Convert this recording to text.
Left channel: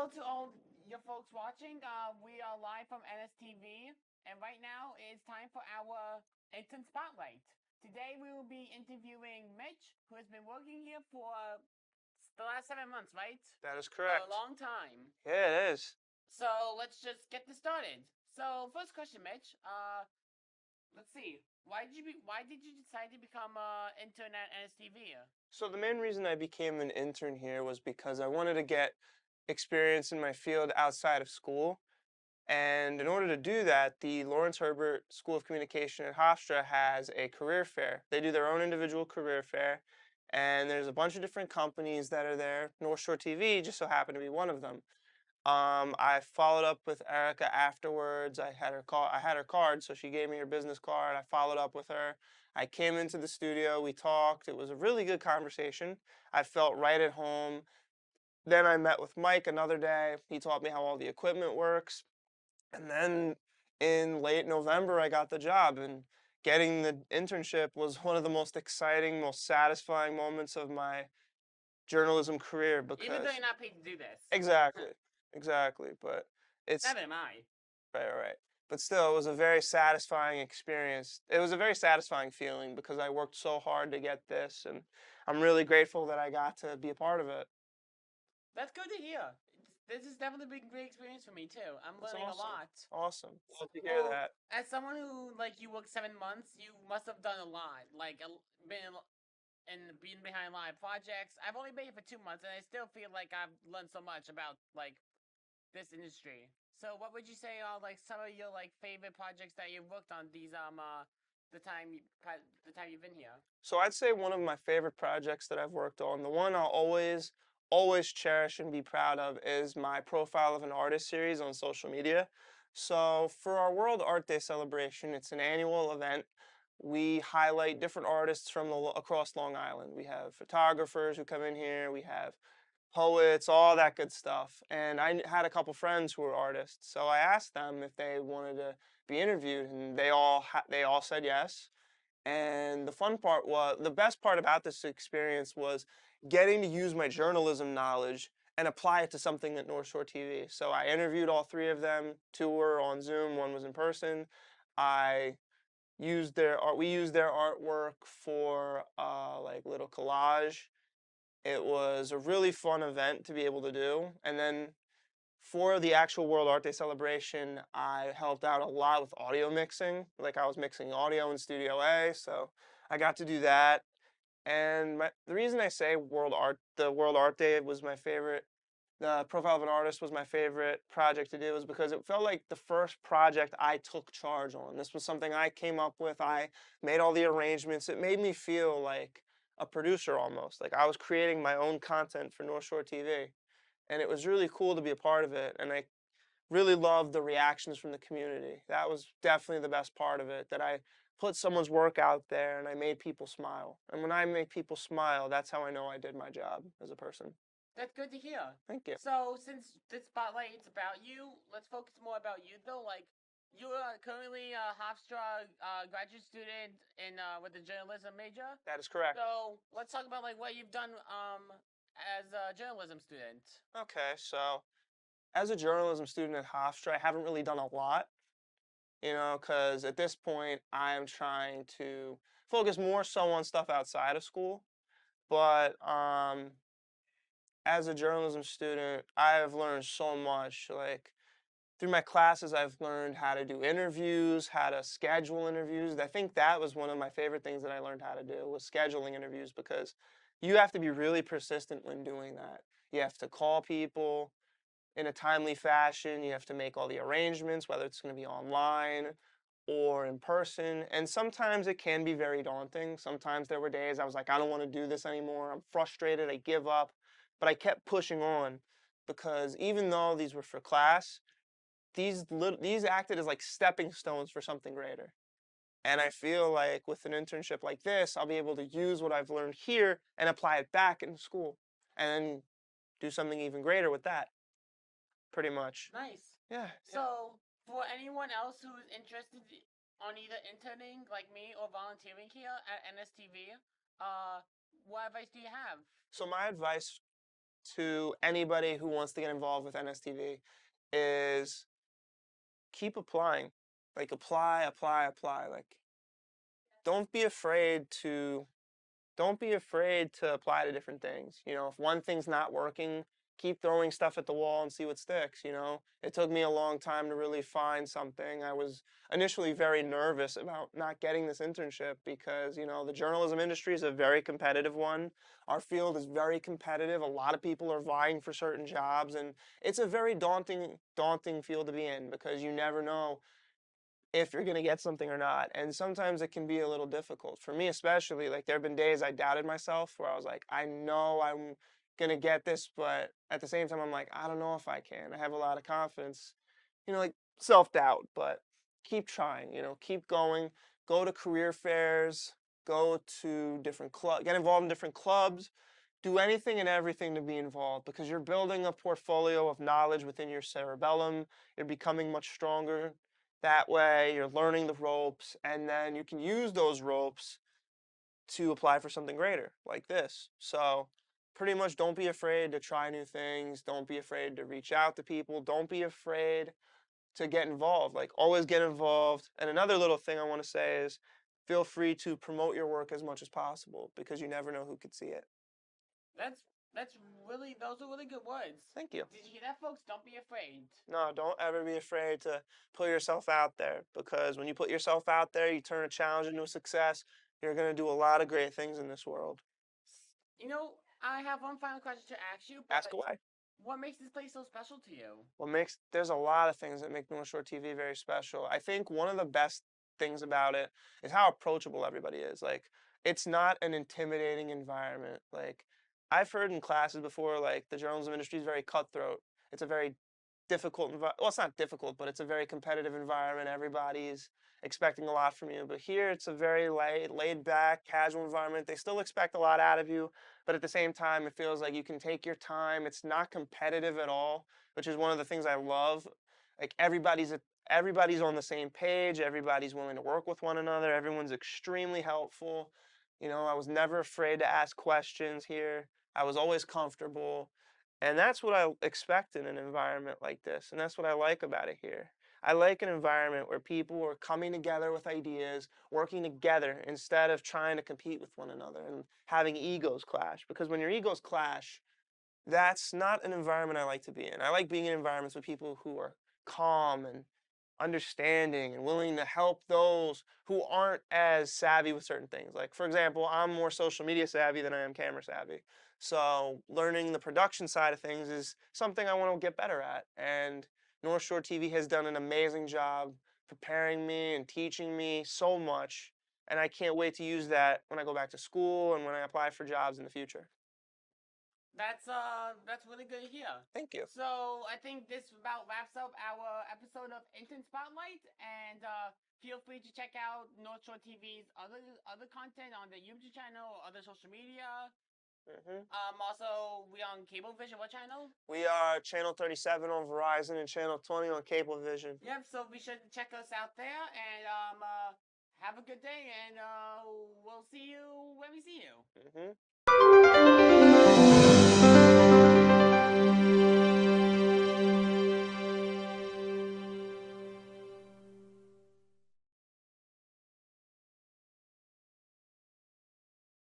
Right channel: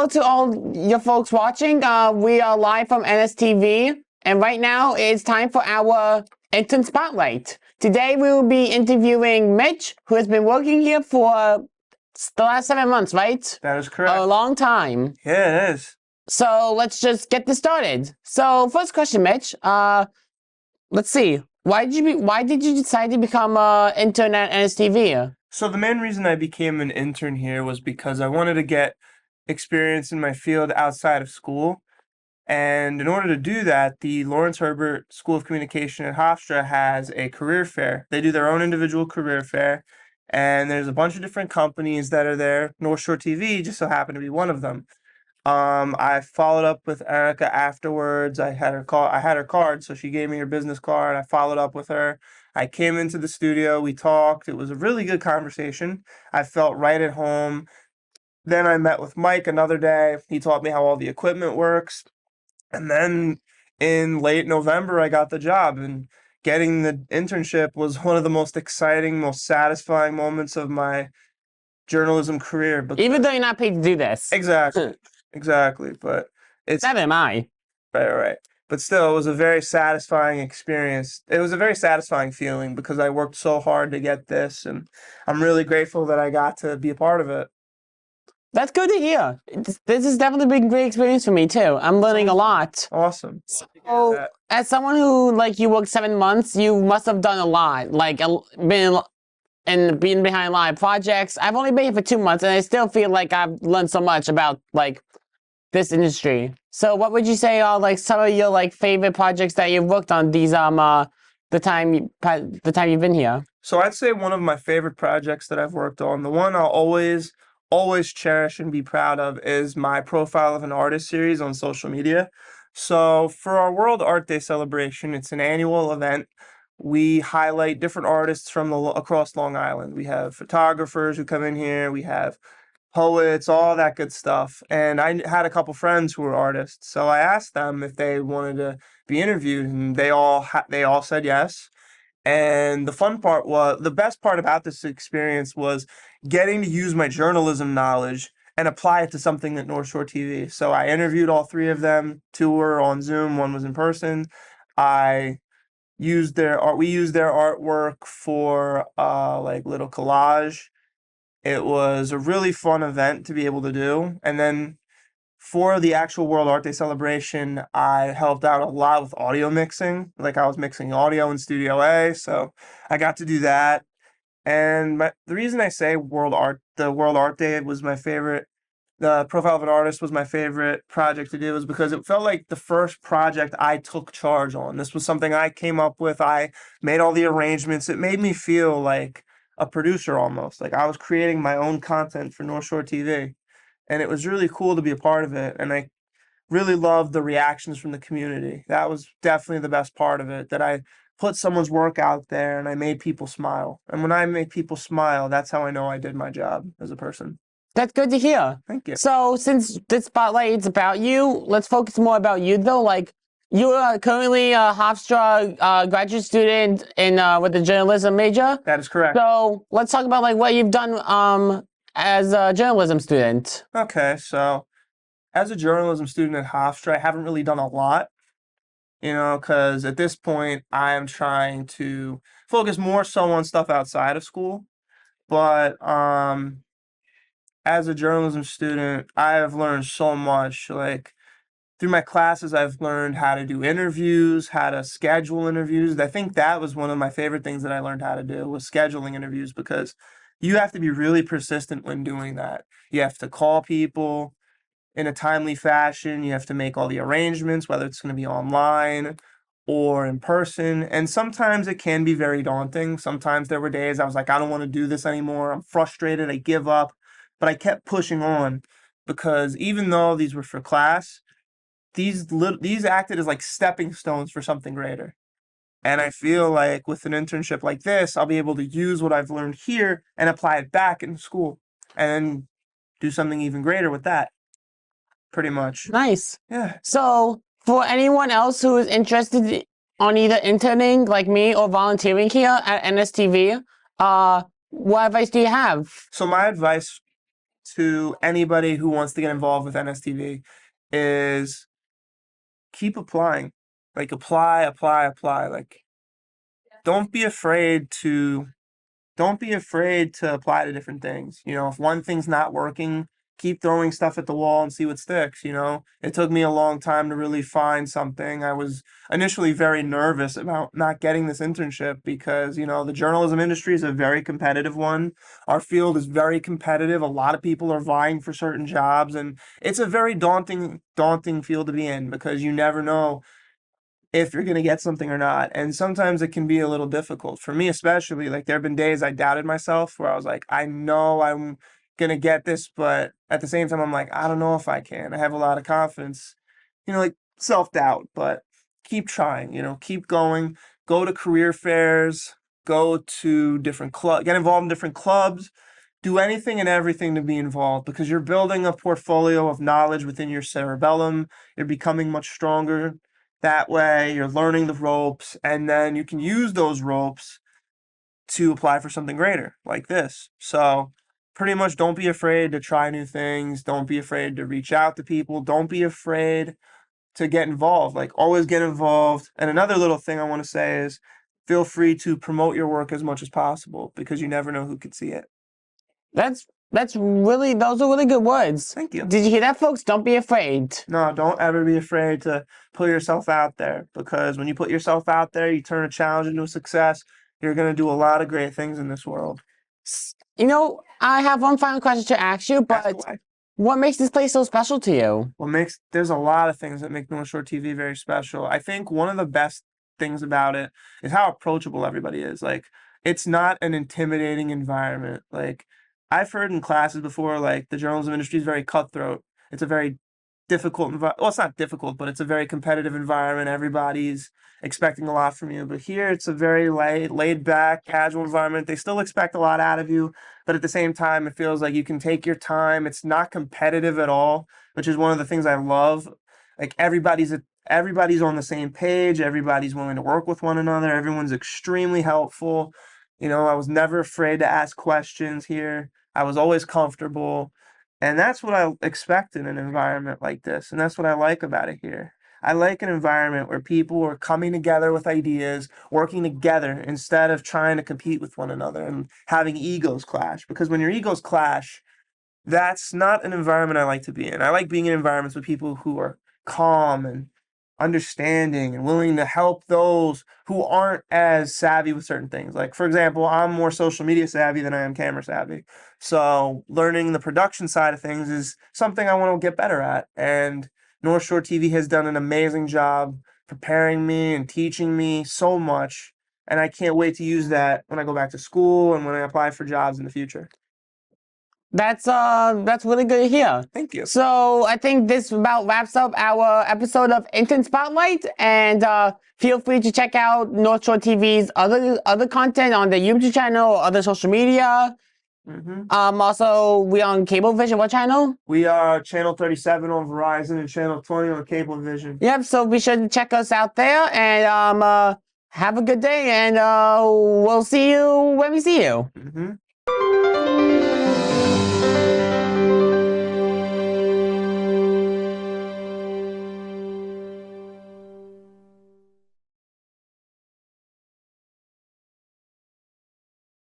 hello to all your folks watching. We are live from NSTV, and right now it's time for our Intern Spotlight. Today we will be interviewing Mitch, who has been working here for the last 7 months, right? That is correct. A long time. Yeah, it is. So let's just get this started. So first question, Mitch. Let's see. Why did you decide to become an intern at NSTV? So the main reason I became an intern here was because I wanted to get experience in my field outside of school. And in order to do that, the Lawrence Herbert School of Communication at Hofstra has a career fair. They do their own individual career fair, and there's a bunch of different companies that are there. North Shore TV just so happened to be one of them. I followed up with Erica afterwards. I had her card, so she gave me her business card. I followed up with her. I came into the studio, we talked. It was a really good conversation. I felt right at home. Then I met with Mike another day. He taught me how all the equipment works. And then in late November, I got the job, and getting the internship was one of the most exciting, most satisfying moments of my journalism career. Even though you're not paid to do this. Exactly. Exactly. But it's Neither am I. right. But still, it was a very satisfying experience. It was a very satisfying feeling because I worked so hard to get this, and I'm really grateful that I got to be a part of it. That's good to hear. This has definitely been a great experience for me too. I'm learning a lot. Awesome. So, as someone who you worked 7 months, you must have done a lot. Being behind a lot of projects. I've only been here for 2 months, and I still feel like I've learned so much about this industry. So, what would you say are some of your favorite projects that you've worked on these the time you've been here? So I'd say one of my favorite projects that I've worked on, the one I'll always cherish and be proud of, is my Profile of an Artist series on social media. So for our World Art Day celebration, it's an annual event. We highlight different artists from across Long Island. We have photographers who come in here. We have poets, all that good stuff. And I had a couple friends who were artists, so I asked them if they wanted to be interviewed, and they all said yes. And the best part about this experience was getting to use my journalism knowledge and apply it to something at North Shore TV. So I interviewed all 3 of them. 2 were on Zoom, 1 was in person. We used their artwork for little collage. It was a really fun event to be able to do. And then for the actual World Art Day celebration, I helped out a lot with audio mixing. I was mixing audio in Studio A, so I got to do that. And the reason I say the World Art Day was my favorite, the Profile of an Artist was my favorite project to do, was because it felt like the first project I took charge on. This was something I came up with. I made all the arrangements. It made me feel like a producer almost. Like I was creating my own content for North Shore TV. And it was really cool to be a part of it. And I really loved the reactions from the community. That was definitely the best part of it, that I put someone's work out there and I made people smile. And when I make people smile, that's how I know I did my job as a person. That's good to hear. Thank you. So since this spotlight is about you, let's focus more about you though. You are currently a Hofstra graduate student with a journalism major. That is correct. So let's talk about what you've done as a journalism student. Okay, so as a journalism student at Hofstra, I haven't really done a lot, because at this point I am trying to focus more so on stuff outside of school. But as a journalism student, I have learned so much. Through my classes, I've learned how to do interviews, how to schedule interviews. I think that was one of my favorite things that I learned how to do, was scheduling interviews, because you have to be really persistent when doing that. You have to call people in a timely fashion. You have to make all the arrangements, whether it's going to be online or in person. And sometimes it can be very daunting. Sometimes there were days I was like, I don't want to do this anymore. I'm frustrated. I give up. But I kept pushing on, because even though these were for class, these acted as stepping stones for something greater. And I feel like with an internship like this, I'll be able to use what I've learned here and apply it back in school, and then do something even greater with that. Pretty much. Nice. Yeah. So for anyone else who is interested on either interning like me or volunteering here at NSTV, what advice do you have? So my advice to anybody who wants to get involved with NSTV is keep applying. Like apply, apply, apply. Like don't be afraid to apply to different things. You know, if one thing's not working, keep throwing stuff at the wall and see what sticks, you know. It took me a long time to really find something. I was initially very nervous about not getting this internship because, you know, the journalism industry is a very competitive one. Our field is very competitive. A lot of people are vying for certain jobs, and it's a very daunting field to be in because you never know if you're going to get something or not. And sometimes it can be a little difficult for me, especially. Like, there have been days I doubted myself where I was like, I know I'm going to get this, but at the same time, I'm like, I don't know if I can. I have a lot of confidence, you know, like self doubt, but keep trying, you know, keep going, go to career fairs, go to different clubs, get involved in different clubs. Do anything and everything to be involved because you're building a portfolio of knowledge within your cerebellum. You're becoming much stronger that way. You're learning the ropes, and then you can use those ropes to apply for something greater like this. So, pretty much don't be afraid to try new things. Don't be afraid to reach out to people. Don't be afraid to get involved. Like, always get involved. And another little thing I want to say is feel free to promote your work as much as possible because you never know who could see it. That's really, those are really good words. Thank you. Did you hear that, folks? Don't be afraid. No, don't ever be afraid to put yourself out there because when you put yourself out there, you turn a challenge into a success. You're going to do a lot of great things in this world. You know, I have one final question to ask you, Ask but away. what makes this place so special to you? There's a lot of things that make North Shore TV very special. I think one of the best things about it is how approachable everybody is. Like, it's not an intimidating environment. Like, I've heard in classes before, like, the journalism industry is very cutthroat. It's a very difficult well, it's not difficult, but it's a very competitive environment. Everybody's expecting a lot from you. But here it's a very laid back, casual environment. They still expect a lot out of you, but at the same time, it feels like you can take your time. It's not competitive at all, which is one of the things I love. Like, everybody's on the same page. Everybody's willing to work with one another. Everyone's extremely helpful. You know, I was never afraid to ask questions here. I was always comfortable. And that's what I expect in an environment like this. And that's what I like about it here. I like an environment where people are coming together with ideas, working together instead of trying to compete with one another and having egos clash. Because when your egos clash, that's not an environment I like to be in. I like being in environments with people who are calm and understanding and willing to help those who aren't as savvy with certain things. Like, for example, I'm more social media savvy than I am camera savvy. So learning the production side of things is something I want to get better at. And North Shore TV has done an amazing job preparing me and teaching me so much. And I can't wait to use that when I go back to school and when I apply for jobs in the future. That's really good to hear. Thank you. So I think this about wraps up our episode of Intern Spotlight, and feel free to check out North Shore TV's other content on the YouTube channel or other social media. Also, we on Cablevision. What channel? We are channel 37 on Verizon and channel 20 on Cablevision. Yep. So be sure to check us out there, and have a good day, and we'll see you when we see you.